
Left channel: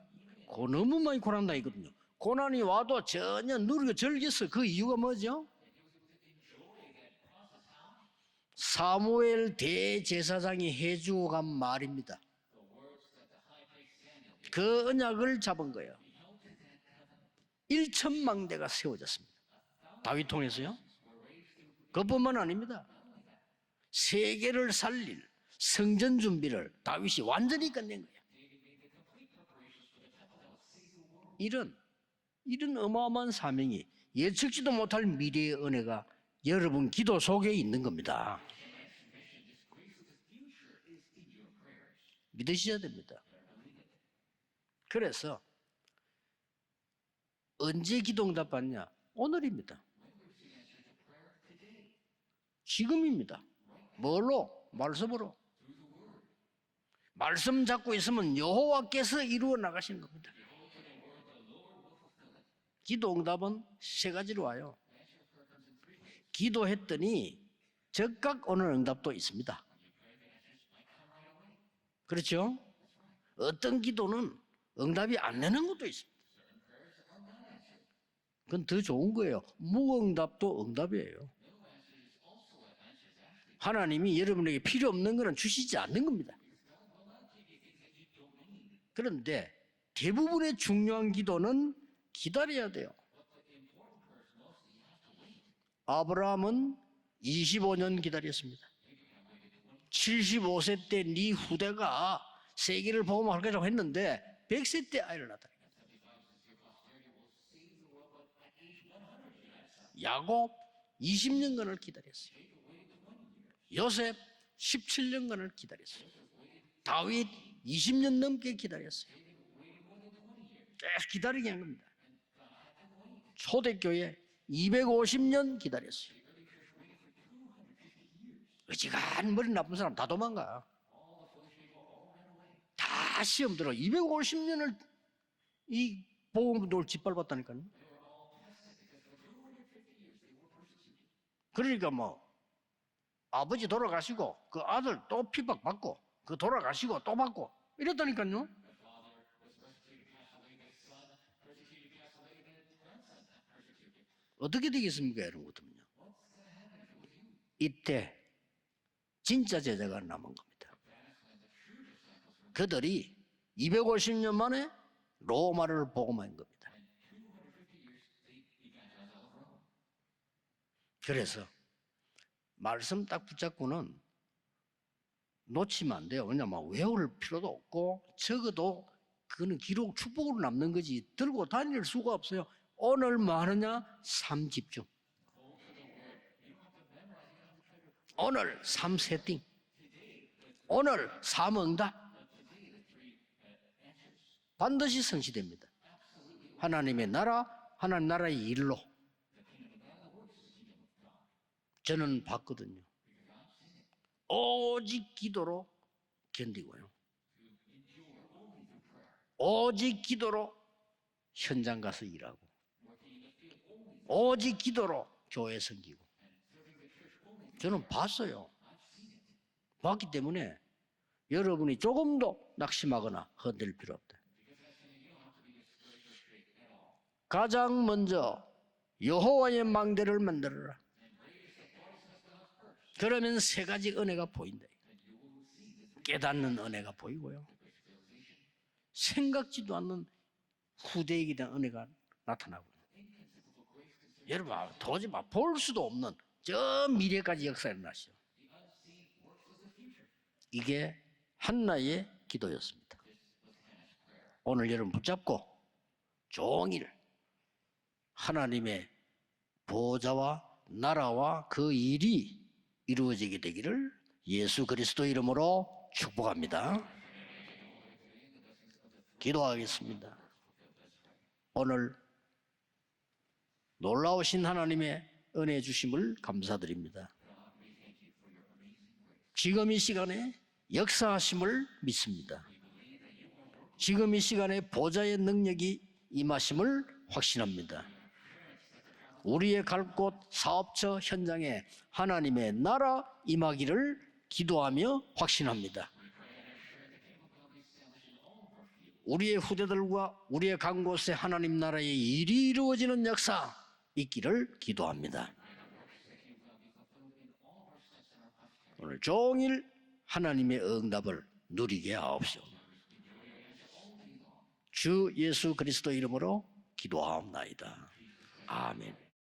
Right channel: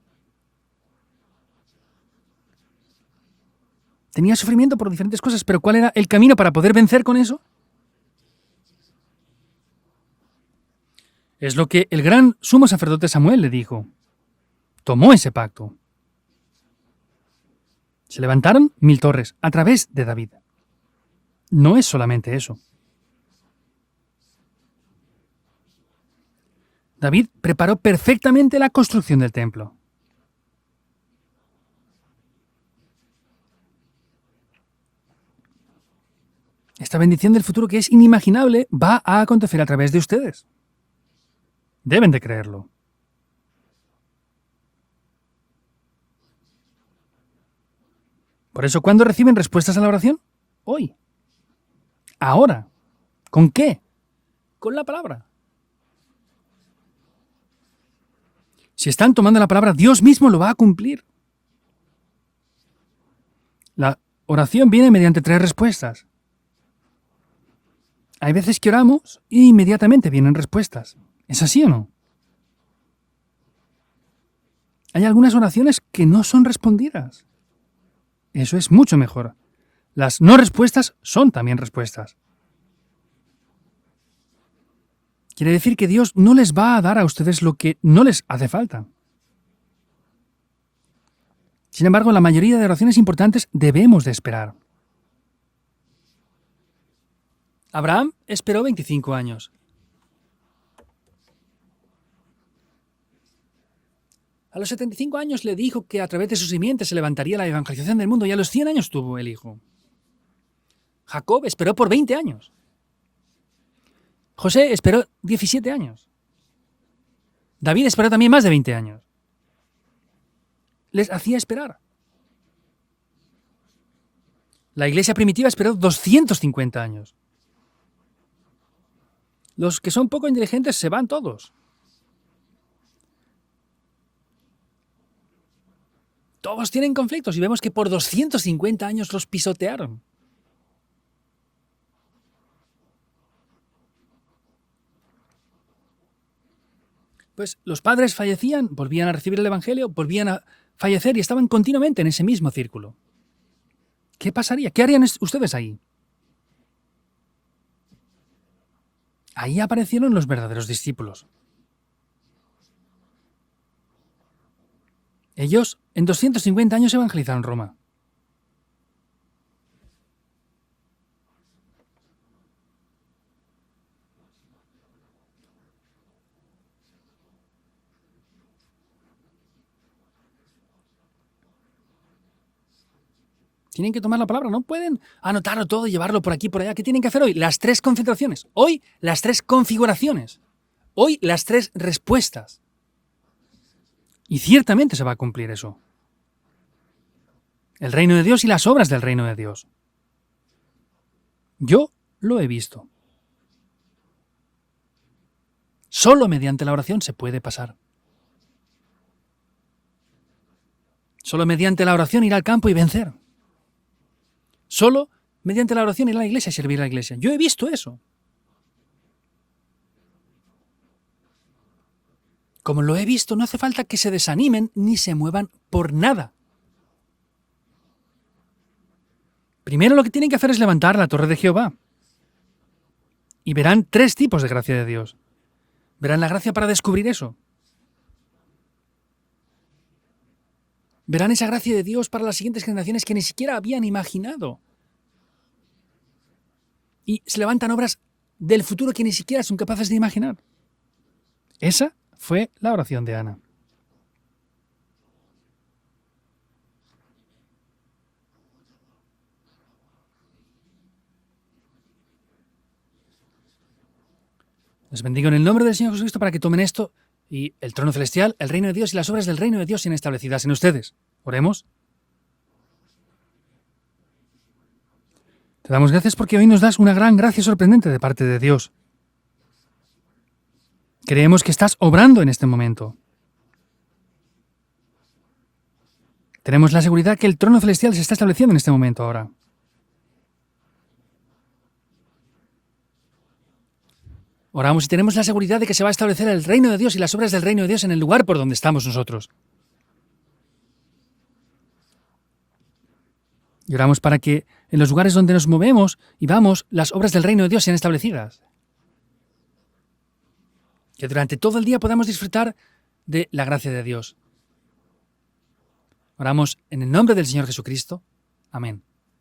너무 많이 고난다 이거든요. 고난이 와도 전혀 누르고 Tenía sufrimiento por diferentes cosas, pero ¿cuál era el camino para poder vencer con eso? 사무엘 대제사장이 해주고 간 Es lo que 말, el gran sumo sacerdote Samuel le dijo. 그 tomó ese 언약을 pacto. 잡은 거예요. 1,000만 Se levantaron 명이 1000 torres a través de 다윗 David. 통해서요. No es 어떤 solamente 말 eso. 아닙니다. 세계를 살릴 성전 준비를 다윗이 David 완전히 preparó 끝냈어요. perfectamente la construcción del templo. 이런 어마어마한 사명이 예측지도 못할 미래의 은혜가 여러분 Esta 기도 bendición del 속에 futuro que 있는 es 겁니다. inimaginable va a acontecer a través de ustedes. Deben de creerlo. 드셔야 됩니다. 그래서 언제 기도응답 Por eso, ¿cuándo reciben respuestas a la oración? Hoy. Ahora. 지금입니다. ¿Con qué? 뭘로? Con la palabra. 말씀으로. 말씀 잡고 있으면 여호와께서 Si están tomando la palabra, Dios mismo lo va a cumplir. 기도응답은 La 세 가지가 oración viene mediante 3 respuestas. 기도했더니 Hay veces que 적답 oramos 응답도 있습니다. y inmediatamente vienen respuestas. ¿Es así o no? 그렇죠? 어떤 기도는 Hay algunas oraciones que no son respondidas. Eso es mucho mejor. Las no respuestas son también respuestas. 하나님이 여러분에게 필요 없는 거는 Quiere decir 주시지 que 않아요. Dios no les va a dar a ustedes lo que no les hace falta. 그런데 대부분의 중요한 기도는 Sin embargo, la mayoría de oraciones importantes debemos de esperar. 아브라함은 25년 Abraham 기다렸습니다. esperó 25 años. 75세 때 네 후대가 세계를 복음화할 거라고 했는데 A los 100세 때 75 años le dijo que a través de su simiente se levantaría la evangelización del mundo y a los 100 años tuvo el hijo. 야곱 Jacob 20년 esperó por 20 años. 요셉 José esperó 17년 17 años. 다윗 David esperó también más de 20 años. Les hacía esperar. 초대교회 La iglesia primitiva esperó 250 años. 의지간 머리 나쁜 Los que 사람 son 다 poco 도망가. inteligentes se van todos. 다 시험 들어 250년을 이 Todos tienen conflictos y vemos que por 250 años los pisotearon. 그러니까 뭐 아버지 돌아가시고 그 아들 또 핍박받고 그 돌아가시고 또 받고 Pues los 이렇게 padres 하니까요. fallecían, volvían a recibir el Evangelio, volvían a fallecer y estaban continuamente en ese mismo círculo. ¿Qué pasaría? ¿Qué harían ustedes ahí? 이때 진짜 Ahí 제자가 aparecieron los verdaderos discípulos. 그들이 250년 만에 Ellos 로마를 en 보고 250 años evangelizaron Roma. 그래서 말씀 딱 붙잡고는 놓치면 안 돼요. 왜냐면 외울 필요도 없고 적어도 그거는 기록 축복으로 남는 거지 들고 다닐 수가 없어요. 오늘 뭐 하느냐? Tienen que tomar la palabra, no 30 pueden anotarlo todo y llevarlo por aquí, por allá. ¿Qué tienen que hacer hoy? Las 3 concentraciones. Hoy, las 3 configuraciones. 오늘 Hoy, las 3 사문과 respuestas. Y ciertamente se va a cumplir eso. 하나님의 나라, El reino de Dios y las obras del reino de Dios. Yo lo he visto. 오직 기도로, Solo mediante la oración se puede pasar. 오직 기도로, Solo mediante la oración ir al campo y vencer. 오직 기도로. Solo 교회 mediante la oración ir a la iglesia y servir a la iglesia. Yo he visto 저는 eso. 봤어요. 봤기 때문에 여러분이 조금도 Como lo he visto, no hace falta que se desanimen ni se muevan por nada. 가장 먼저 여호와의 Primero lo que 만대를 tienen que hacer es levantar la torre de Jehová. 그러면 Y verán 세 3 가지가 tipos de gracia de Dios. Verán la gracia para descubrir eso. 생각지도 않는 후대 Verán esa gracia de Dios para las siguientes generaciones que ni siquiera habían imaginado. 도저히 볼 수도 없는 저 Y 미래까지 se levantan obras del futuro que ni siquiera son capaces de imaginar. 이게 Esa 한나의 fue la 기도였어요. oración de Ana. 오늘 여러분 붙잡고 종일 하나님의 보좌와 나라와 그 일이 이루어지게 되기를 예수 Les 그리스도 bendigo en el nombre 이름으로 del Señor Jesucristo para que tomen 축복합니다. esto y el trono celestial, el reino de Dios y las obras del reino de Dios sean establecidas en ustedes. Oremos. 오늘 놀라우신 하나님의 은혜 Te damos 주시고 gracias porque hoy nos das una gran gracia sorprendente de parte de Dios. 지금 이 시간에 Creemos que 역사하심을 estás obrando en este momento. 지금 이 시간에 보좌의 능력이 Tenemos la 임하심을 seguridad que el trono 확신합니다. celestial se está estableciendo en este momento ahora. 우리의 갈 곳 사업처 현장에 하나님의 나라 임하기를 Oramos y 기도하며 tenemos la seguridad de que se va a establecer el reino de Dios y las obras del reino de Dios en el lugar por donde estamos nosotros. 우리의 후대들과 우리의 간 곳에 하나님 나라의 일이 이루어지는 역사 Y oramos para que 있기를 en los lugares 기도합니다. donde nos movemos y vamos, las obras del reino de Dios sean establecidas. 오늘 종일 하나님의 응답을 Que durante todo el día podamos 누리게 disfrutar de la gracia de Dios. 주 예수 그리스도 이름으로 Oramos en el nombre del Señor Jesucristo. Amén. 아멘.